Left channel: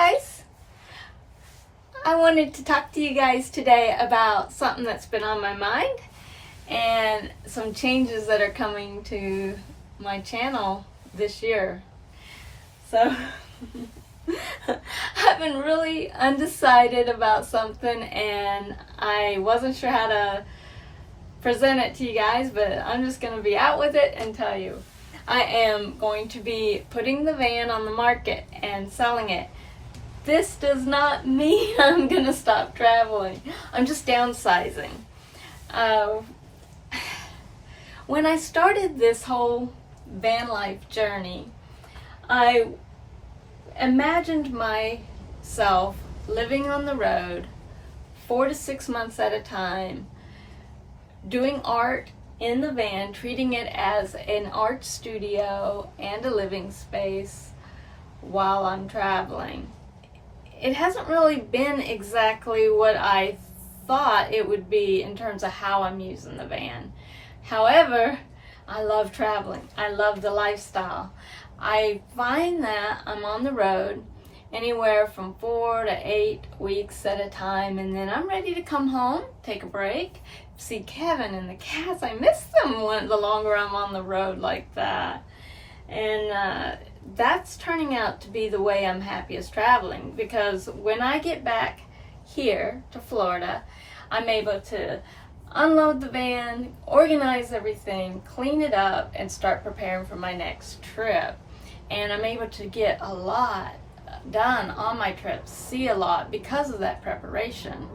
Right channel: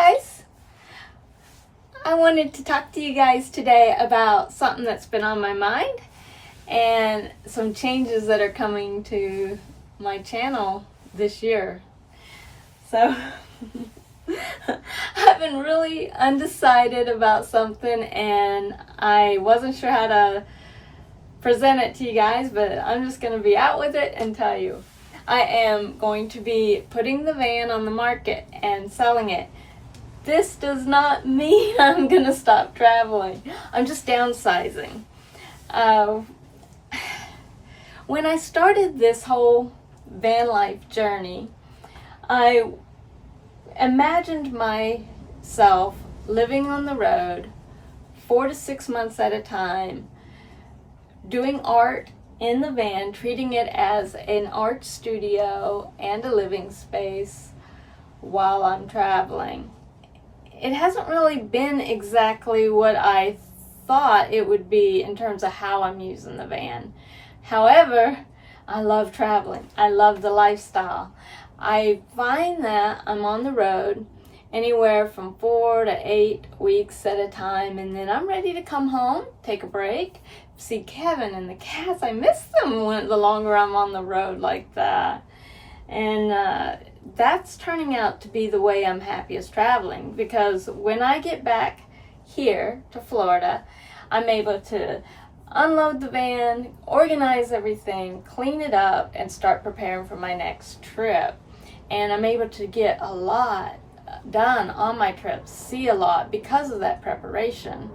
guys, I wanted to talk to you guys today about something that's been on my mind and some changes that are coming to my channel this year. So I've been really undecided about something and I wasn't sure how to present it to you guys, but I'm just going to be out with it and tell you. I am going to be putting the van on the market and selling it. This does not mean I'm going to stop traveling. I'm just downsizing. When I started this whole van life journey, I imagined myself living on the road 4 to 6 months at a time, doing art in the van, treating it as an art studio and a living space while I'm traveling. It hasn't really been exactly what I thought it would be in terms of how I'm using the van. However, I love traveling. I love the lifestyle. I find that I'm on the road anywhere from 4 to 8 weeks at a time, and then I'm ready to come home, take a break, see Kevin and the cats. I miss them the longer I'm on the road like that. And that's turning out to be the way I'm happiest traveling, because when I get back here to Florida, I'm able to unload the van, organize everything, clean it up, and start preparing for my next trip. And I'm able to get a lot done on my trips, see a lot because of that preparation.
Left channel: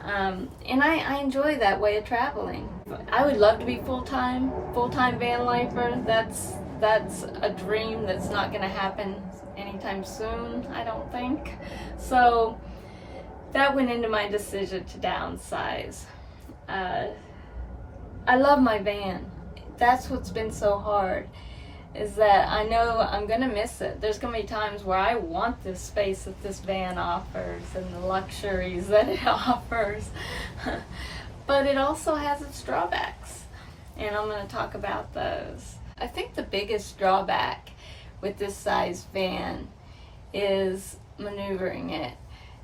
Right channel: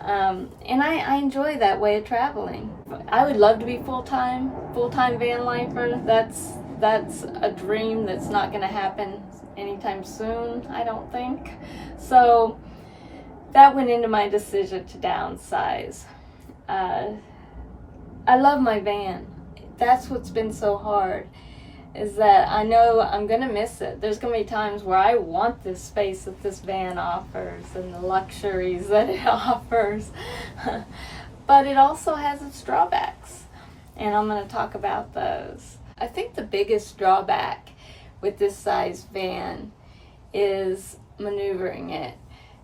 And I enjoy that way of traveling. I would love to be full-time van lifer. That's a dream that's not going to happen anytime soon, I don't think. So that went into my decision to downsize. I love my van. That's what's been so hard, is that I know I'm going to miss it. There's going to be times where I want this space that this van offers and the luxuries that it offers. But it also has its drawbacks, and I'm going to talk about those. I think the biggest drawback with this size van is maneuvering it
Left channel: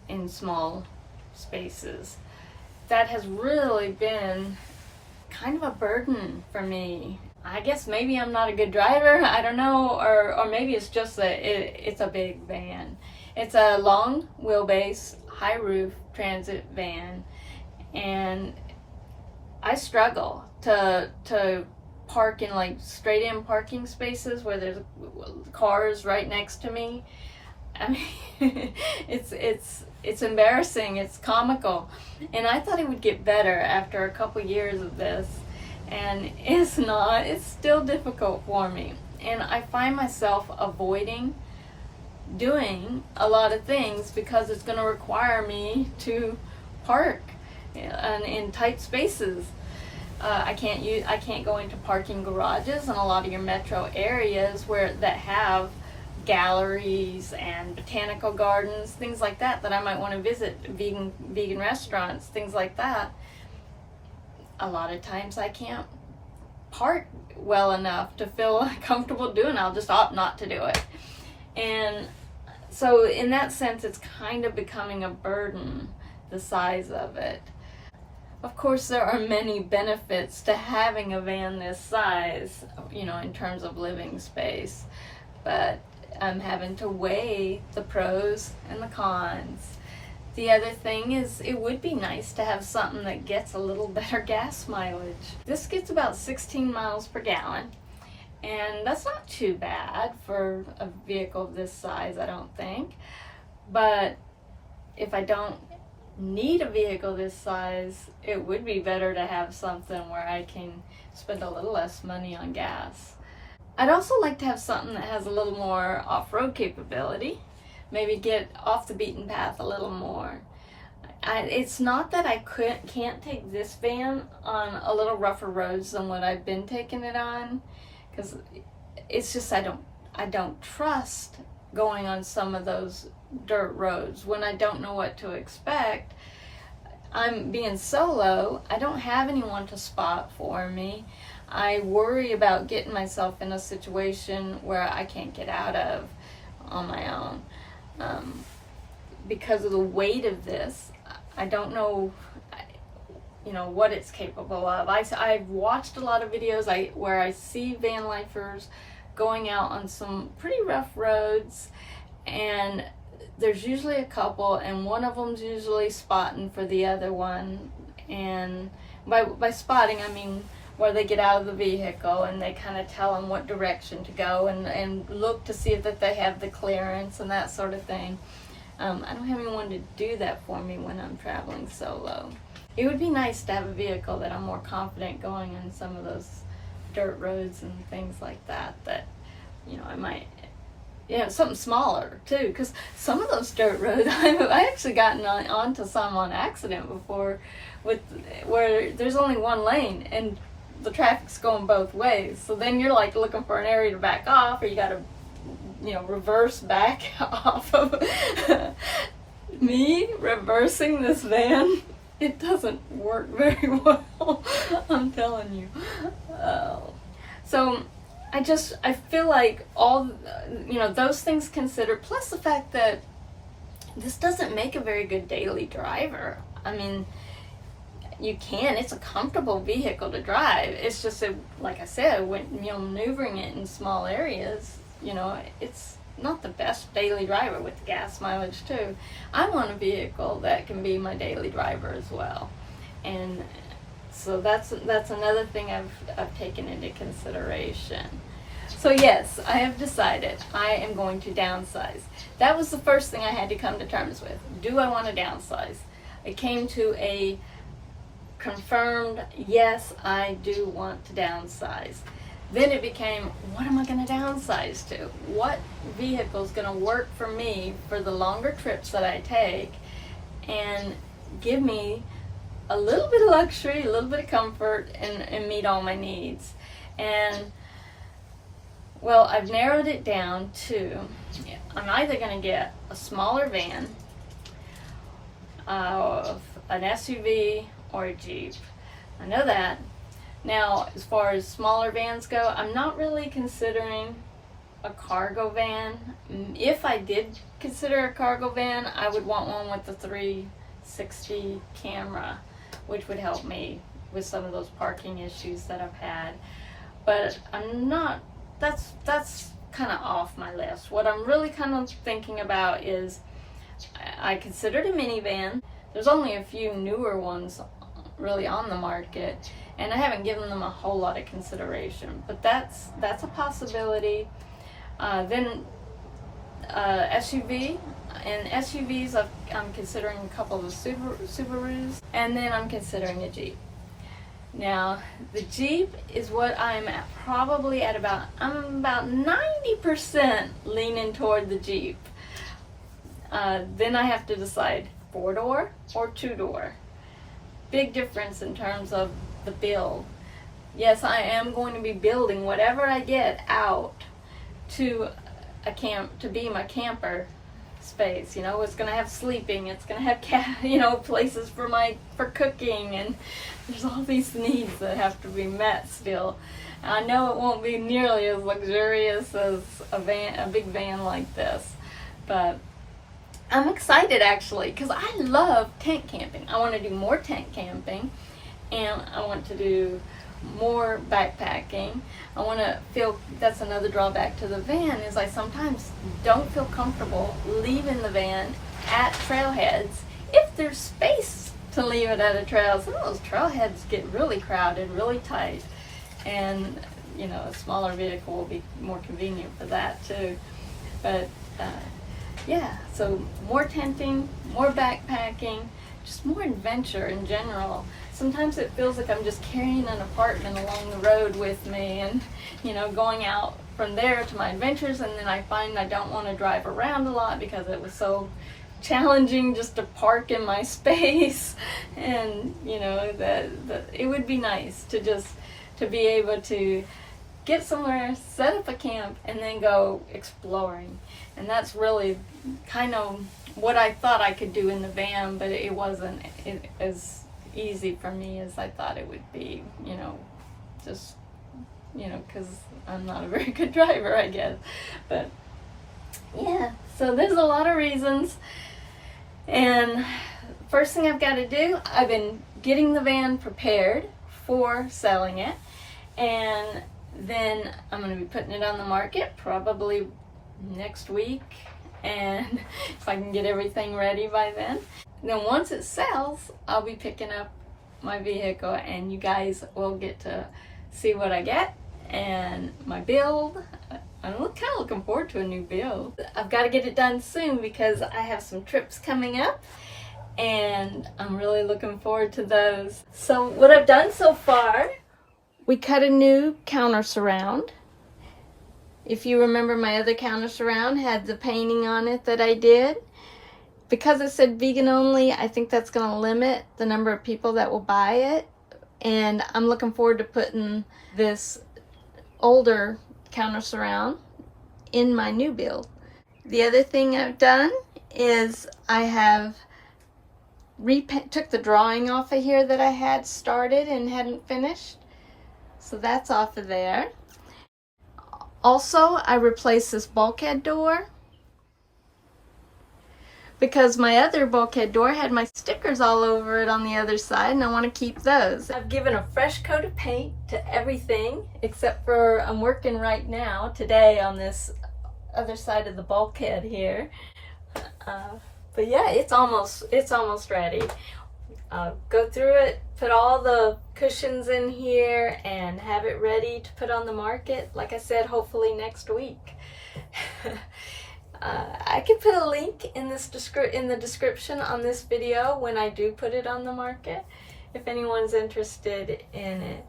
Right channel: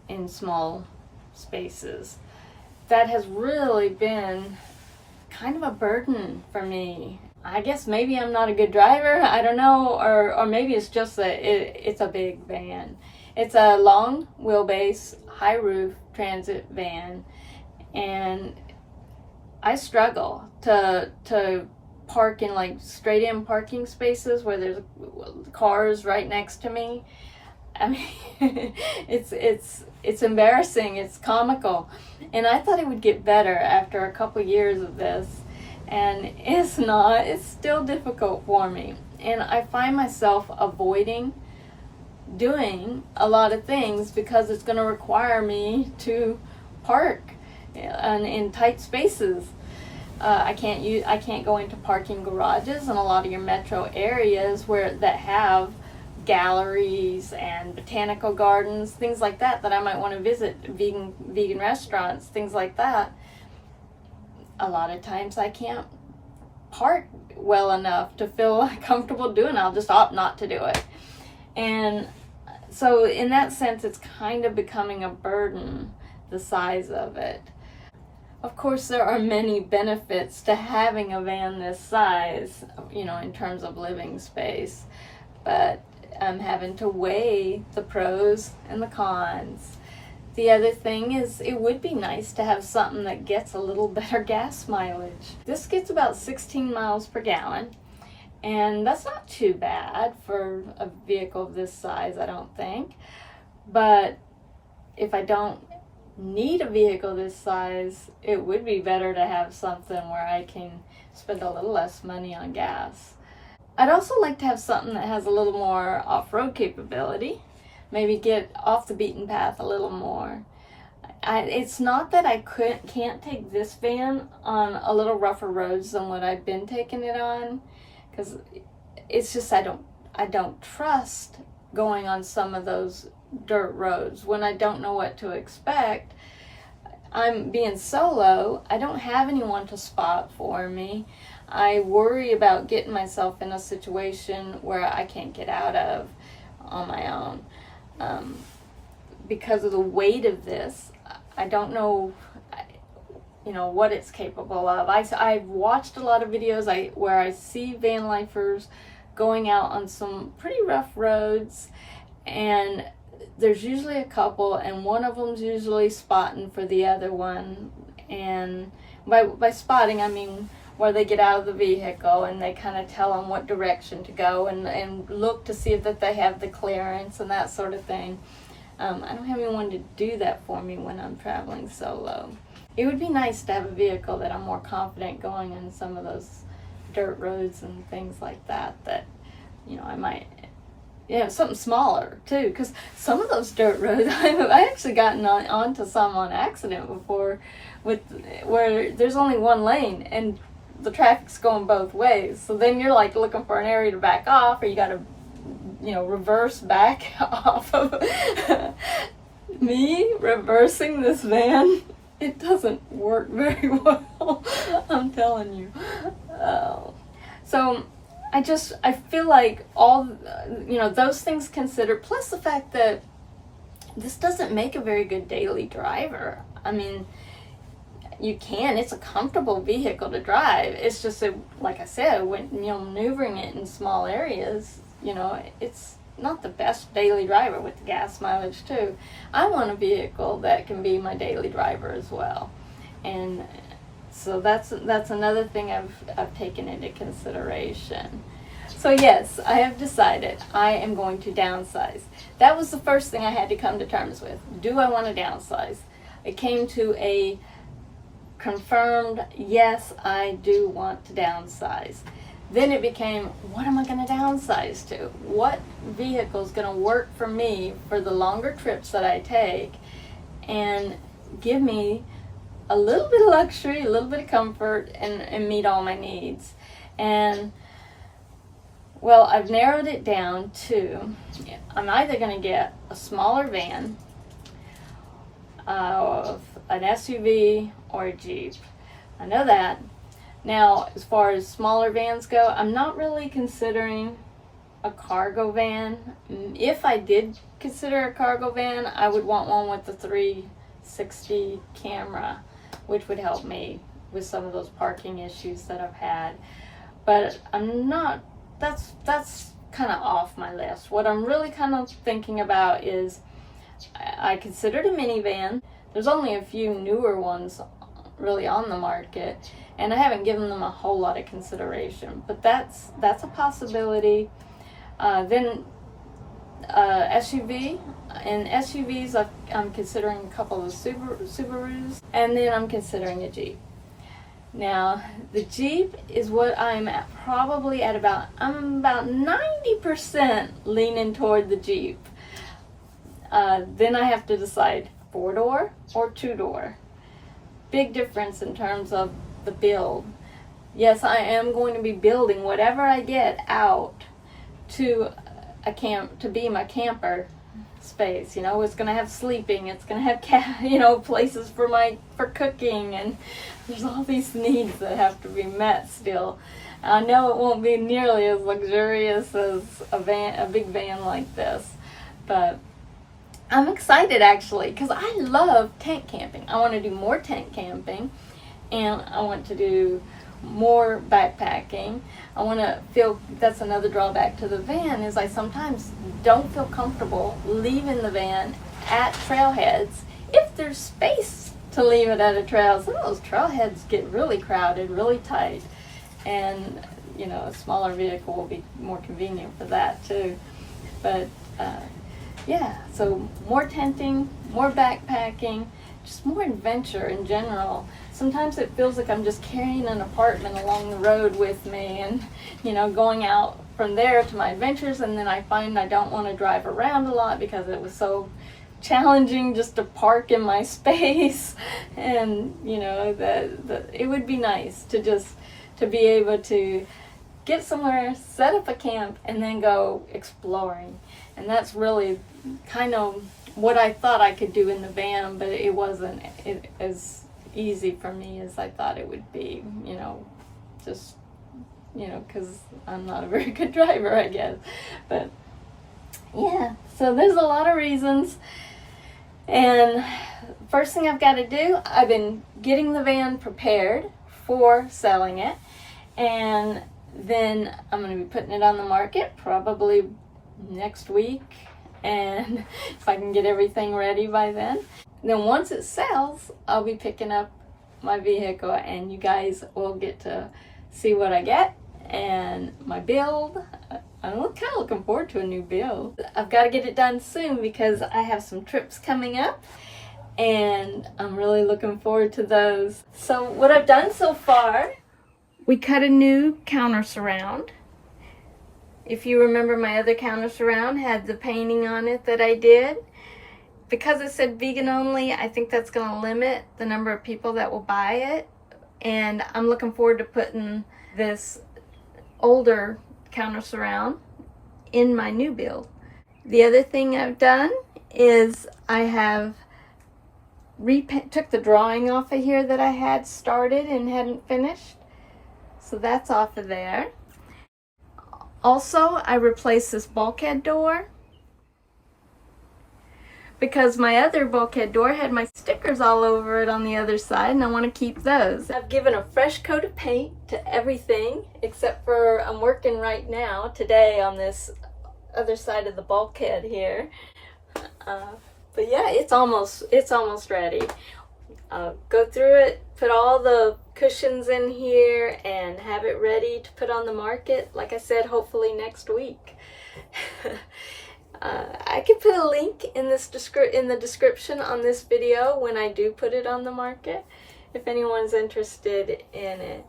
in small spaces. That has really been kind of a burden for me. I guess maybe I'm not a good driver, I don't know, or maybe it's just that it's a big van. It's a long wheelbase, high roof transit van, and I struggle to park in like straight in parking spaces where there's cars right next to me. I mean, it's embarrassing, it's comical, and I thought it would get better after a couple years of this. And it's not. It's still difficult for me. And I find myself avoiding doing a lot of things because it's going to require me to park in tight spaces. I can't go into parking garages in a lot of your metro areas that have galleries and botanical gardens, things like that I might want to visit, vegan restaurants, things like that. A lot of times I can't park well enough to feel comfortable doing it. I'll just opt not to do it. And so in that sense, it's kind of becoming a burden, the size of it. Of course, there are many benefits to having a van this size, in terms of living space, but I'm having to weigh the pros and the cons. The other thing is, it would be nice to have something that gets a little better gas mileage. This gets about 16 miles per gallon, and that's not too bad for a vehicle of this size, I don't think. But if I don't need a vehicle this size, it would be better to have something where I can spend a little less money on gas. I'd also like to have something that has a little more off-road capability. Maybe get off the beaten path a little more. It's not that I can't take this van on a little rougher roads than what I've been taking it on, because it's just I don't trust going on some of those dirt roads when I don't know what to expect. I'm being solo. I don't have anyone to spot for me. I worry about getting myself in a situation where I can't get out of on my own. because of the weight of this, I don't know, you know, what it's capable of. I've watched a lot of videos where I see van lifers going out on some pretty rough roads, and there's usually a couple, and one of them's usually spotting for the other one. And by spotting, I mean where they get out of the vehicle and they kind of tell them what direction to go, and look to see if that they have the clearance and that sort of thing. I don't have anyone to do that for me when I'm traveling solo. It would be nice to have a vehicle that I'm more confident going on some of those dirt roads and things like that, you know, I might, you know, something smaller too, because some of those dirt roads, I actually gotten onto some on accident before, where there's only one lane and the traffic's going both ways. So then you're like looking for an area to back off, or you got to, you know, reverse back off of me reversing this van. It doesn't work very well, I'm telling you. So I feel like all, you know, those things considered, plus the fact that this doesn't make a very good daily driver. I mean, it's a comfortable vehicle to drive. It's just that, like I said, when, you know, maneuvering it in small areas, you know, it's not the best daily driver with the gas mileage too. I want a vehicle that can be my daily driver as well. And so that's another thing I've taken into consideration. So yes, I have decided I am going to downsize. That was the first thing I had to come to terms with. Do I want to downsize? It came to a confirmed, yes, I do want to downsize. Then it became, what am I going to downsize to? What vehicle is going to work for me for the longer trips that I take and give me a little bit of luxury, a little bit of comfort, and meet all my needs? And well, I've narrowed it down to, I'm either going to get a smaller van, an SUV, or a Jeep. I know that. Now, as far as smaller vans go, I'm not really considering a cargo van. If I did consider a cargo van, I would want one with the 360 camera, which would help me with some of those parking issues that I've had. But I'm not, that's kind of off my list. What I'm really kind of thinking about is, I considered a minivan. There's only a few newer ones really on the market, and I haven't given them a whole lot of consideration, but that's a possibility. Then SUV, and SUVs I'm considering a couple of Subarus, and then I'm considering a Jeep. Now the Jeep is what I'm at, probably at about, I'm about 90% leaning toward the Jeep. Then I have to decide 4-door or 2-door. Big difference in terms of the build. Yes, I am going to be building whatever I get out to to be my camper space. You know, it's going to have sleeping, it's going to have you know, places for cooking, and there's all these needs that have to be met still. I know it won't be nearly as luxurious as a big van like this, but I'm excited actually, because I love tent camping. I want to do more tent camping, and I want to do more backpacking. I want to feel, that's another drawback to the van, is I sometimes don't feel comfortable leaving the van at trailheads if there's space to leave it at a trail. Some of those trailheads get really crowded, really tight, and you know, a smaller vehicle will be more convenient for that too. But yeah, so more tenting, more backpacking, just more adventure in general. Sometimes it feels like I'm just carrying an apartment along the road with me, and you know, going out from there to my adventures, and then I find I don't want to drive around a lot because it was so challenging just to park in my space. And you know, it would be nice to just to be able to get somewhere, set up a camp, and then go exploring. And that's really kind of what I thought I could do in the van, but it wasn't as easy for me as I thought it would be, you know, just, you know, because I'm not a very good driver, I guess. But yeah, so there's a lot of reasons. And first thing I've got to do, I've been getting the van prepared for selling it, and then I'm going to be putting it on the market probably next week, and if I can get everything ready by then. Then once it sells, I'll be picking up my vehicle, and you guys will get to see what I get and my build. I'm kind of looking forward to a new build. I've got to get it done soon because I have some trips coming up, and I'm really looking forward to those. So what I've done so far, we cut a new counter surround. If you remember, my other counter surround had the painting on it that I did. Because it said vegan only, I think that's going to limit the number of people that will buy it. And I'm looking forward to putting this older counter surround in my new build. The other thing I've done is I have took the drawing off of here that I had started and hadn't finished. So that's off of there. Also, I replaced this bulkhead door because my other bulkhead door had my stickers all over it on the other side, and I want to keep those. I've given a fresh coat of paint to everything except for I'm working right now today on this other side of the bulkhead here. But yeah, it's almost ready. Go through it, put all the cushions in here, and have it ready to put on the market. Like I said, hopefully next week. I can put a link in the description on this video when I do put it on the market, if anyone's interested in it.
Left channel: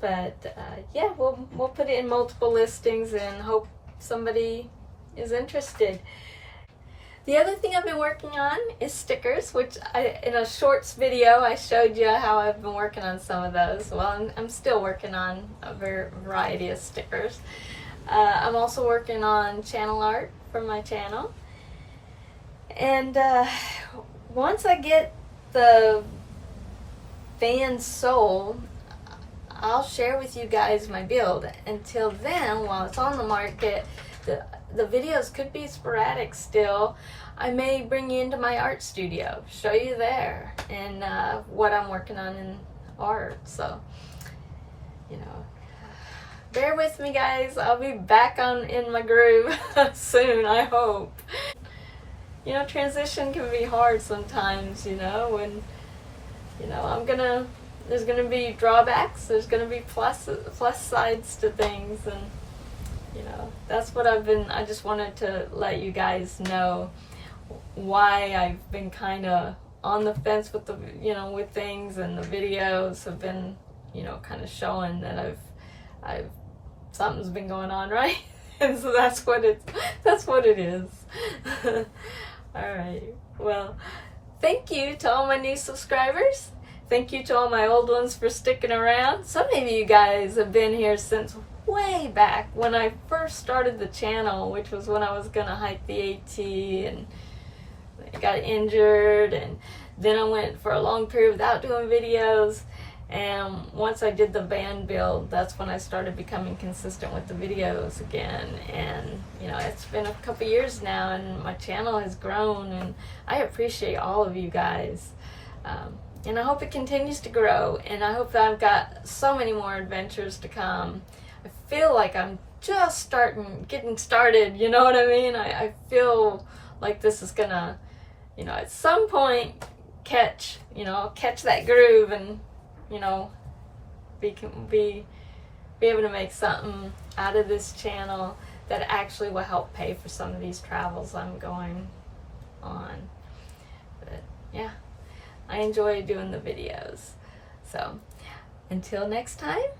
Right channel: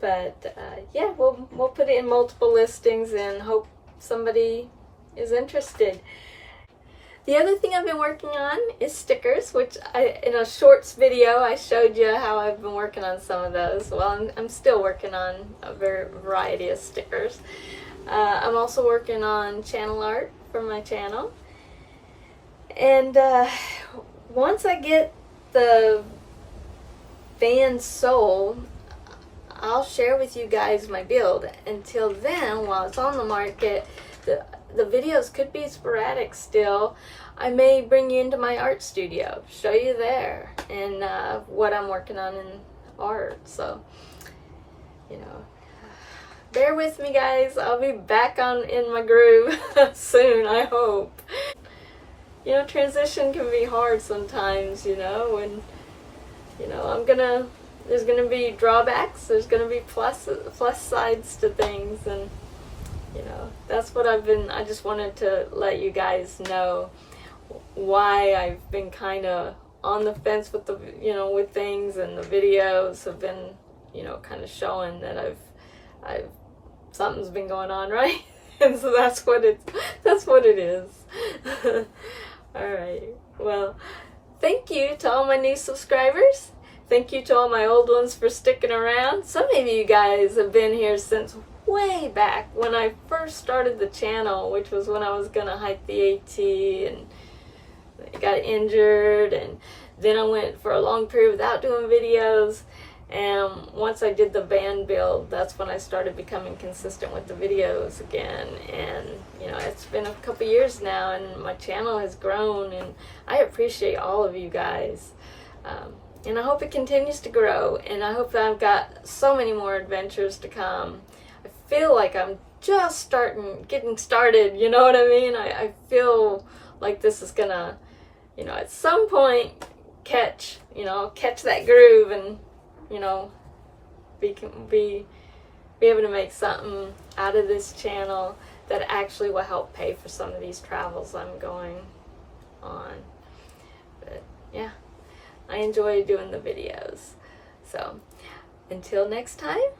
But yeah, we'll put it in multiple listings and hope somebody is interested. The other thing I've been working on is stickers, which in a shorts video I showed you how I've been working on some of those. Well, I'm still working on a variety of stickers. I'm also working on channel art for my channel. And once I get the van sold, I'll share with you guys my build. Until then, while it's on the market, the videos could be sporadic still. I may bring you into my art studio, show you there, and what I'm working on in art. So, you know, bear with me, guys. I'll be back in my groove soon, I hope. You know, transition can be hard sometimes, you know, and, you know, there's gonna be drawbacks, there's gonna be plus sides to things, and, you know, that's what I just wanted to let you guys know why I've been kind of on the fence with with things, and the videos have been, you know, kind of showing that something's been going on, right? And so that's what it is. All right. Well, thank you to all my new subscribers. Thank you to all my old ones for sticking around. Some of you guys have been here since way back when I first started the channel, which was when I was gonna hike the AT and I got injured, and then I went for a long period without doing videos. And once I did the van build, that's when I started becoming consistent with the videos again. And, you know, it's been a couple years now, and my channel has grown, and I appreciate all of you guys. And I hope it continues to grow, and I hope that I've got so many more adventures to come. I feel like I'm just getting started, you know what I mean? I feel like this is gonna, you know, at some point catch that groove, and, you know, be able to make something out of this channel that actually will help pay for some of these travels I'm going on. But yeah, I enjoy doing the videos. So until next time,